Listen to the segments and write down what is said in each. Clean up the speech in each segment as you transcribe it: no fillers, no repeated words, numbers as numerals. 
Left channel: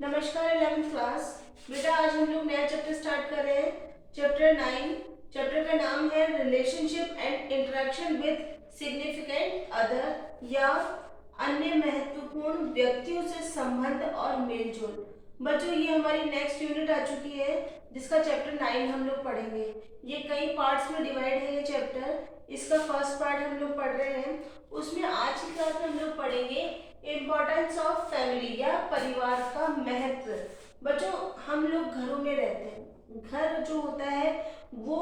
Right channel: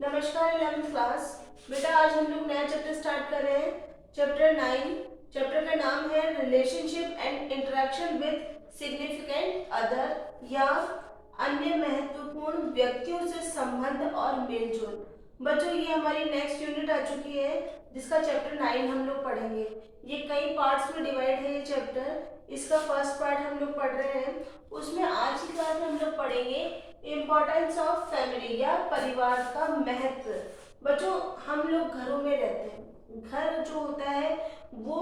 नमस्कार 11th class. बेटा आज हम लोग नया चैप्टर स्टार्ट कर रहे हैं, चैप्टर 9। चैप्टर का नाम है relationship and interaction with significant other या अन्य महत्वपूर्ण व्यक्तियों से संबंध और मेलजोल। बच्चों ये हमारी नेक्स्ट यूनिट आ चुकी है जिसका चैप्टर 9 हम लोग पढ़ेंगे। ये कई पार्ट्स में डिवाइड है ये चैप्टर। इसका फर्स्ट पार्ट हम लोग पढ़ रहे हैं, उसमें आज की क्लास में हम लोग पढ़ेंगे इम्पोर्टेंस ऑफ फैमिली या परिवार का महत्व। बच्चों हम लोग घरों में रहते हैं, घर जो होता है वो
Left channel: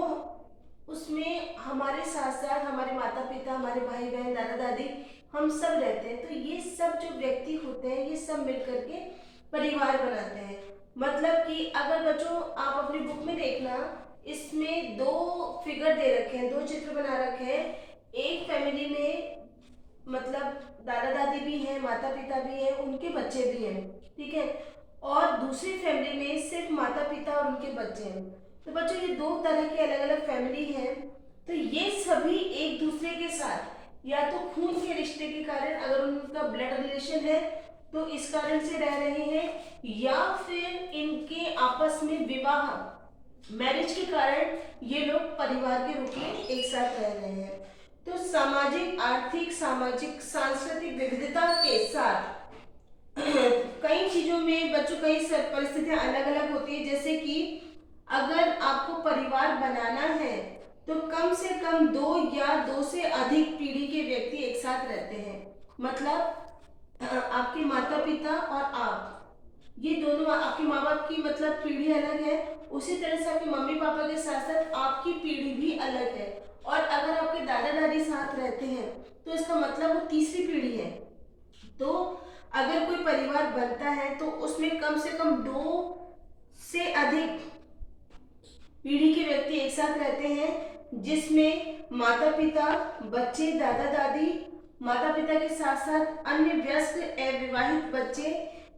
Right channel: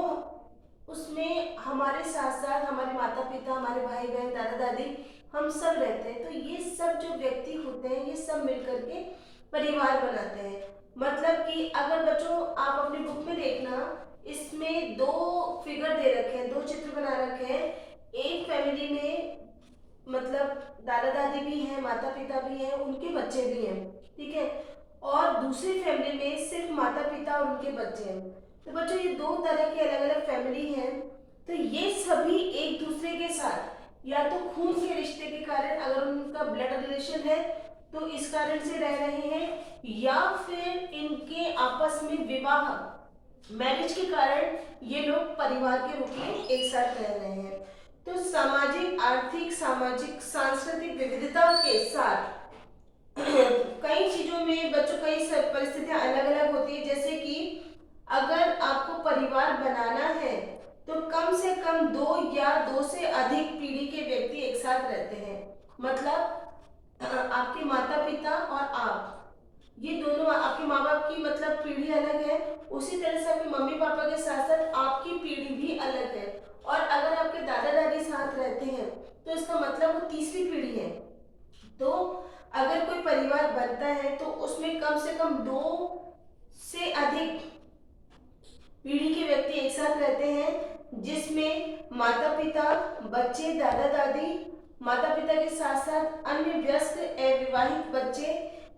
उसमें हमारे साथ साथ हमारे माता पिता, हमारे भाई बहन, दादा दादी, हम सब रहते हैं। तो ये सब जो व्यक्ति होते हैं ये सब मिलकर के परिवार बनाते हैं। मतलब कि अगर बच्चों आप अपनी बुक में देखना, इसमें दो फिगर दे रखे हैं, दो चित्र बना रखे हैं। एक फैमिली में मतलब दादा दादी भी हैं, माता पिता भी हैं, उनके बच्चे भी हैं, ठीक है। और दूसरी फैमिली में सिर्फ माता पिता और उनके बच्चे हैं। तो बच्चों ये दो तरह की अलग अलग फैमिली हैं। तो ये सभी एक दूसरे के साथ या तो खून के रिश्ते के कारण, अगर उनका ब्लड रिलेशन है तो इस कारण से रह रहे हैं, या फिर इनके आपस में विवाह मैरिज के कारण ये लोग परिवार के रूप में एक साथ रह रहे हैं। तो सामाजिक, आर्थिक, सामाजिक, सांस्कृतिक विविधता के साथ कई चीजों में बच्चों कई परिस्थितियां अलग अलग होती है। जैसे कि अगर आपको परिवार बनाना है तो कम से कम दो या दो से अधिक पीढ़ी के व्यक्ति एक साथ रहते हैं। मतलब आपके माता पिता और आप, ये दोनों आपके माँ बाप की मतलब पीढ़ी अलग है, उसी तरह से आपके मम्मी पापा के साथ साथ आपकी पीढ़ी भी अलग है। और अगर आपके दादा दादी साथ रहते हैं तो इसका मतलब वो तीसरी पीढ़ी है। तो अगर कोई परिवार बनता है तो उसमें कम से कम दो से अधिक पीढ़ी के व्यक्ति एक साथ रहते हैं, जिसमें माता पिता, बच्चे, दादा दादी, माता पिता के साथ साथ अन्य वयस्क अविवाहित बच्चे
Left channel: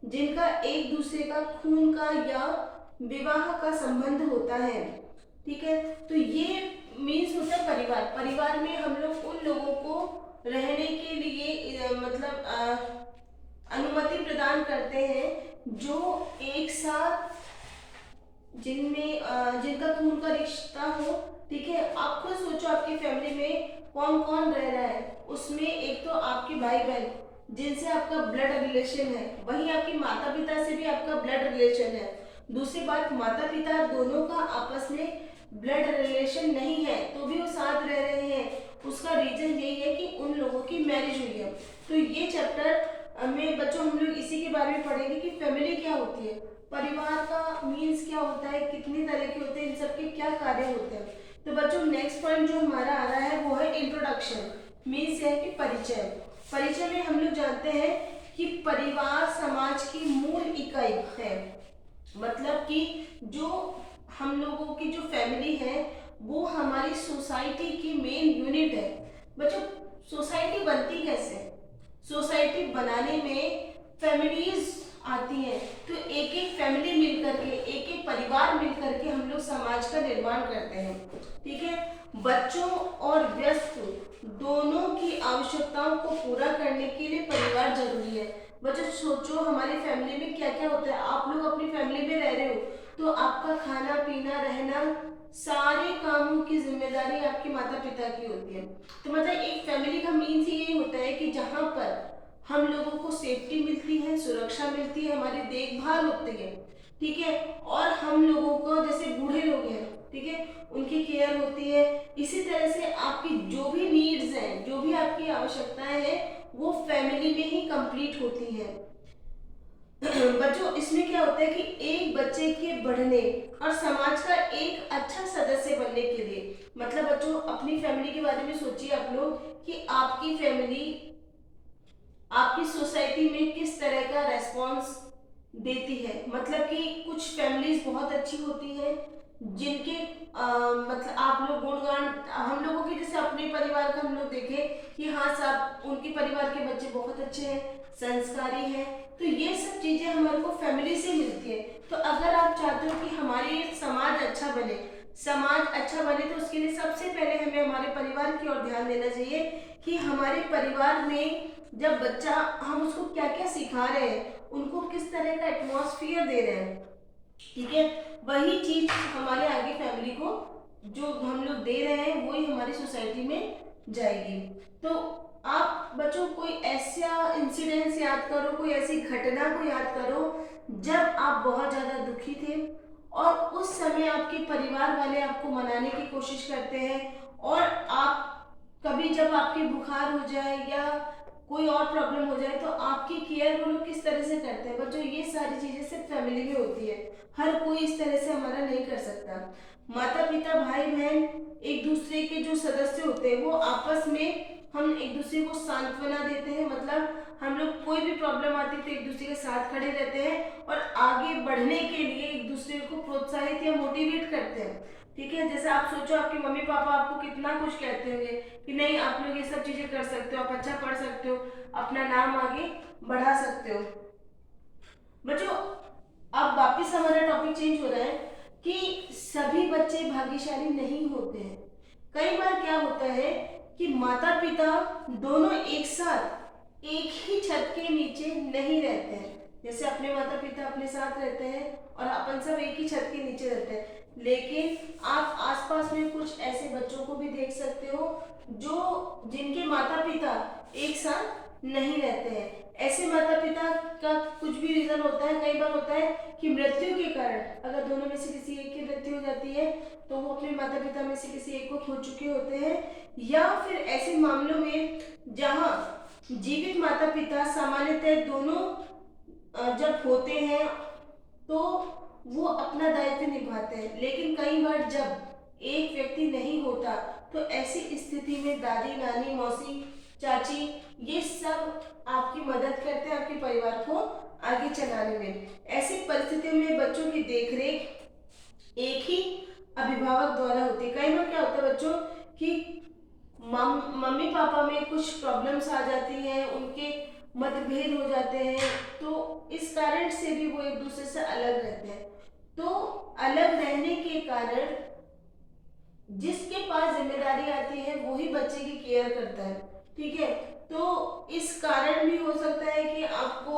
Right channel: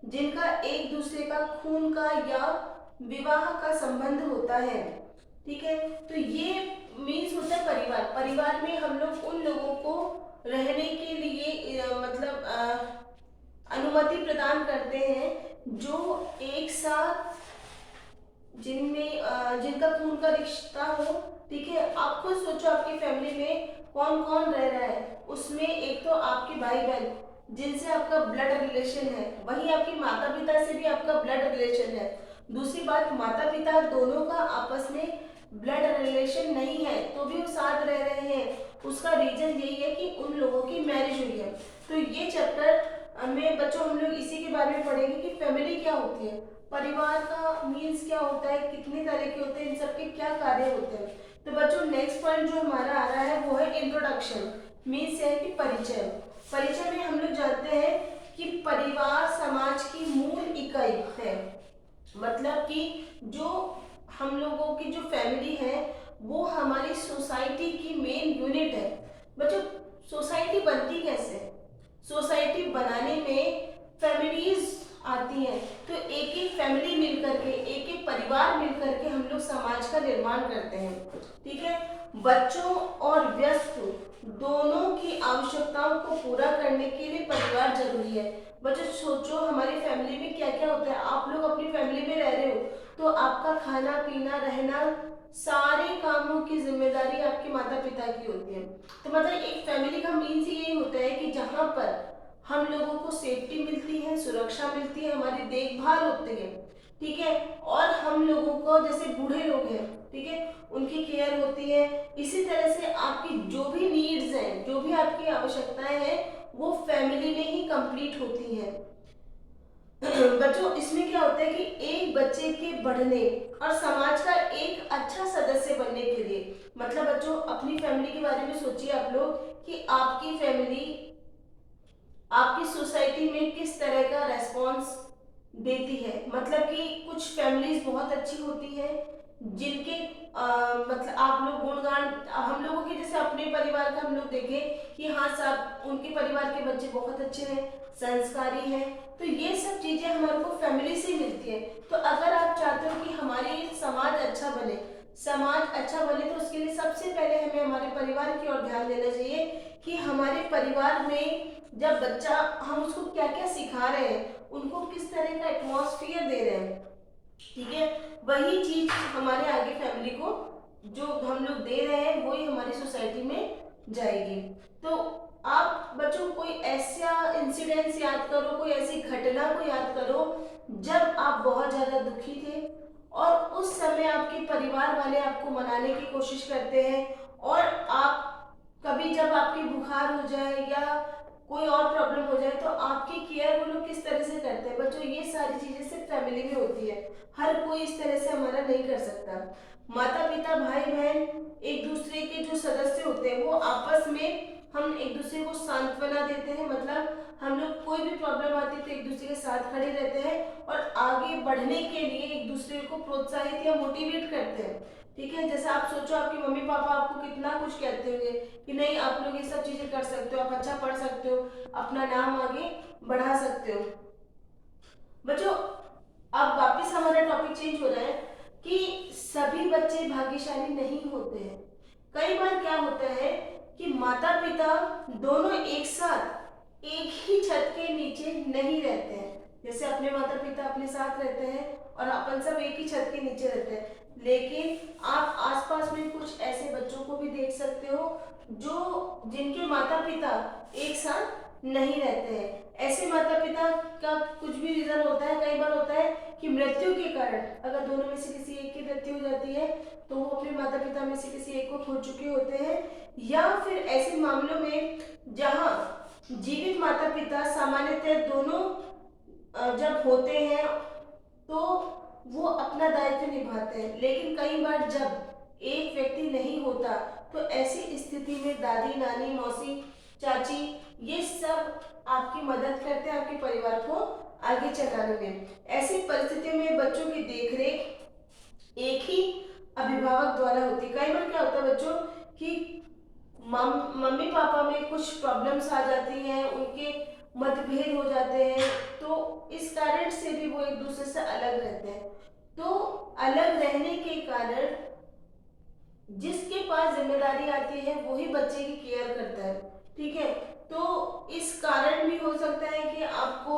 जिनका एक दूसरे का खून का या विवाह का संबंध होता है, ठीक है। तो ये मीन्स होता है परिवार। परिवार में हम लोग उन लोगों को रहने के लिए अनुमति प्रदान करते हैं जो एक साथ जिनका खून का रिश्ता हो, ठीक है। आप खुद सोचो आपकी फैमिली में कौन कौन रह रहा है। उसमें एक तो आपके भाई बहन जिनसे आपका ब्लड रिलेशन है, वहीं आपके माता पिता से भी आपका ब्लड रिलेशन है। दूसरी बात, माता पिता दोनों का आपस में ब्लड रिलेशन नहीं है तो भी वो साथ रह रहे हैं। उसका रीजन यही है कि उन लोगों की मैरिज हुई है। तो ये चैप्टर में बच्चों हम लोग इसी के बारे में पढ़ेंगे कि फैमिली क्या होती है, परिवार का मीन्स क्या होता है, कितने तरह के होते हैं, इन सब के क्या कार्य होते हैं। तो बच्चों नेक्स्ट पॉइंट जो हमारा आ रहा है वो है इंट्रोडक्शन। मीन्स है कि परिचय। परिचय में हम लोग जानते हैं कि परिवार समाज की मूल इकाई है। मतलब कि जो हम लोगों की जो फैमिली है वो हमारी सोसाइटी की मेन यूनिट है। बच्चों सोसाइटी बनती कैसे? सोसाइटी बनाने में फैमिलीज आती हैं। तो एक एक फैमिली मिलकर के, एक एक परिवार मिलकर के हम लोग समाज का निर्माण करते हैं, ठीक है। बच्चों और व्यस्क दोनों की आवश्यकताओं को पूरा करने के लिए परिवार जरूरी है। बच्चों सोचो हमारी फैमिली में क्या क्या होता है। आप लोग अपनी फैमिली में रह रहे हो तो आपका खाना पीना रहना सारे कामों की जिम्मेदारी आपके माता पिता की होती है। तो मतलब एक फैमिली का मीन्स ही यही होता है कि जहाँ पर हम लोगों को सेफ्टी मिलती है, सुरक्षा मिलती है, हमारी देखभाल होती है, ठीक है। और हम लोगों को जैसे बूढ़े लोग हैं, ठीक है, उनकी केयर होती है। इसी तरह से आपकी जो भी नीड्स हैं, जो भी आपकी आवश्यकताएं हैं, वो फैमिली में ही कंप्लीट होती हैं। बच्चों इसमें क्या होता है कि एक बच्चे के बढ़ने और समाज का एक अच्छा सदस्य बनने के लिए, मतलब बच्चों अपनी फैमिली के बारे में सोचिए आप लोग कि आपकी फैमिली आपकी सोसाइटी में किस तरह का रेस्पॉन्स देती है। मतलब कि कुछ फैमिलीज बहुत अच्छी होती हैं जिनके मतलब आप लोग गुणगान, हम लोगों के जैसे अपने परिवार का हम लोग देखें कि हाँ सब उनके परिवार के बच्चे बहुत अच्छे हैं, संस्कारी हैं। तो ये सब चीजें हमारे को फैमिली से मिलती है। तो अगर आप चाहते हो कि हमारे समाज अच्छा बने, समाज अच्छा बने तो उसके लिए सबसे पहले हमें हमारे परिवार की ओर ध्यान देना चाहिए कि हमारे परिवार में जब बच्चा, हम उसको क्या क्या सिखा रहे हैं उनको किस तरह का एटमॉस्फेयर दे रहे हैं, ठीक है, वही चीज हमारे आगे फैमिली को जो हम लोग दे रहे हैं वही हमारी सोसाइटी में जाएगी। तो आप बच्चों कोई ऐसा इंसिडेंस याद करो, कोई ऐसी घटना को याद करो जब आप बहुत ज़्यादा दुखी थे और उस समय आपके परिवार वाले आपको मनाने की कोशिश करते हैं, और आप कभी जब आपकी बुखार हो जाए या कोई और प्रॉब्लम हो जाए तो आपकी केयर वो लोग किस तरह से करते हैं। बच्चों ये सारी चीज़ें सिर्फ फैमिली में होती है, हर कोई इस तरह से हमारा नहीं कर सकता। माता पिता भाई बहन एक दूसरे के जो सदस्य होते हैं वो आपस में हम एक दूसरे को सांत्वना देते हैं, मतलब हम लोग कोई भी प्रॉब्लम आती है तो एक दूसरे के साथ खड़े रहते हैं और आगे बढ़ने के लिए एक दूसरे को प्रोत्साहित या मोटिवेट करते हैं, ठीक है। जैसे आप सोचो आपके मम्मी पापा आपको कितना कुछ कहते होंगे कि नहीं आप लोग ये सब चीजें कर सकते हो, आप अच्छा पढ़ सकते हो, अपना नाम आगे बढ़ा सकते हो। बच्चों अब वापस हमारा टॉपिक चेंज हो रहा है कि सभी बच्चे भाग्यशाली नहीं होते हैं। कई बार क्या होता है कि माता पिता दोनों एक साथ एक ही छत के नीचे नहीं रहते हैं, जैसे अपने माता पिता अपने साथ रहते हैं और अपन सब एक ही छत के नीचे रहते हैं, लेकिन आप आसपास में कुछ ऐसे बच्चों को भी देख सकते हो जो जिनके माता पिता एक साथ नहीं रहते हैं। ऐसे माता पिता का कुछ भी रीजन होता है, कई बार होता है कि मृत्यु के कारण अगर दोनों में से किसी एक की मृत्यु हो जाती है तो वो अपने माता पिता में से किसी एक को खो चुके होते हैं, या फिर ऐसे मामलों में जहाँ जीवित माता पिता सामान्यतः दोनों जब होते हैं तो वो अपना दायित्व निभाते हैं, लेकिन कई बार जब एक व्यक्ति नहीं होता तो ऐसी स्थिति में दादी नानी मौसी चाची ये सब आपकी मदद करते हैं आपके परिवार को आगे चलाने में। ऐसी परिस्थिति में बच्चों की देखरेख एक ही अभिभावक द्वारा होती है। कई बार क्या होता है बच्चों कि मम्मी पापा में कुछ प्रॉब्लम्स आ जाती हैं, उनके मतभेद हो जाते हैं, तो इस कारण से भी वो एक दूसरे से अलग रहते हैं। तो अलग रहने के कारण जिसके पास जिम्मेदारी आती है वही बच्चे की केयर करता है, ठीक है। तो इस कारण भी हो सकता है कि आपको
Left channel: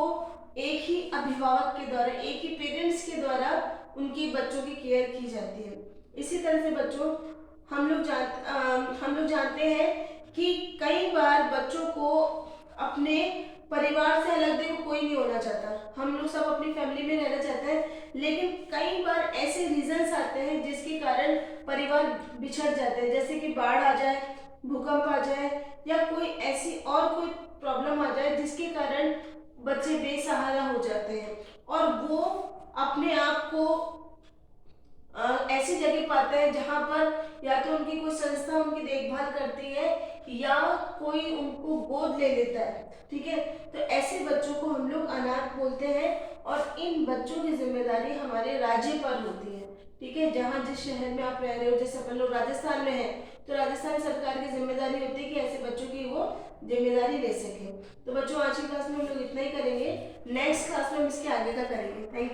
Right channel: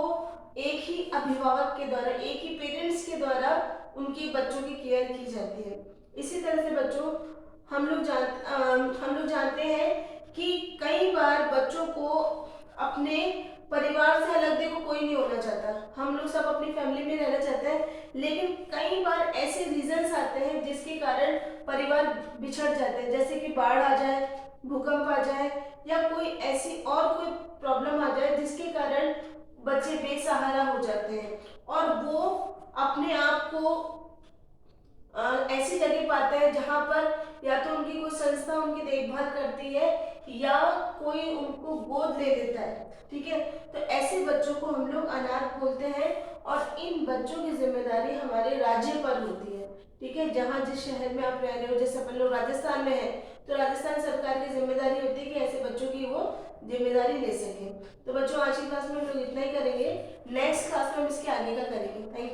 एक ही अभिभावक के द्वारा एक ही पेरेंट्स के द्वारा उनकी बच्चों की केयर की जाती है। इसी तरह से बच्चों हम लोग जानते हैं कि कई बार बच्चों को अपने परिवार से अलग देखो कोई नहीं होना चाहता, हम लोग सब अपनी फैमिली में रहना चाहते हैं, लेकिन कई बार ऐसे रीजंस आते हैं जिसके कारण परिवार बिछड़ जाते हैं, जैसे कि बाढ़ आ जाए, भूकंप आ जाए, या कोई ऐसी और कोई प्रॉब्लम आ जाए जिसके कारण बच्चे बेसहारा हो जाते हैं और वो अपने आप को ऐसी जगह पाते हैं जहाँ पर या तो उनकी कोई संस्था उनकी देखभाल करती है या कोई उनको गोद ले लेता है, ठीक है। तो ऐसे बच्चों को हम लोग अनाथ बोलते हैं और इन बच्चों की जिम्मेदारी हमारे राज्य पर होती है, ठीक है। जहाँ जिस शहर में आप रह रहे हो, जैसे अपन लोग राजस्थान में हैं तो राजस्थान सरकार की जिम्मेदारी होती है कि ऐसे बच्चों की वो जिम्मेदारी ले सके। तो बच्चों आज की क्लास में हम लोग इतना ही करेंगे, नेक्स्ट क्लास में हम इसके आगे का करेंगे। Thank you.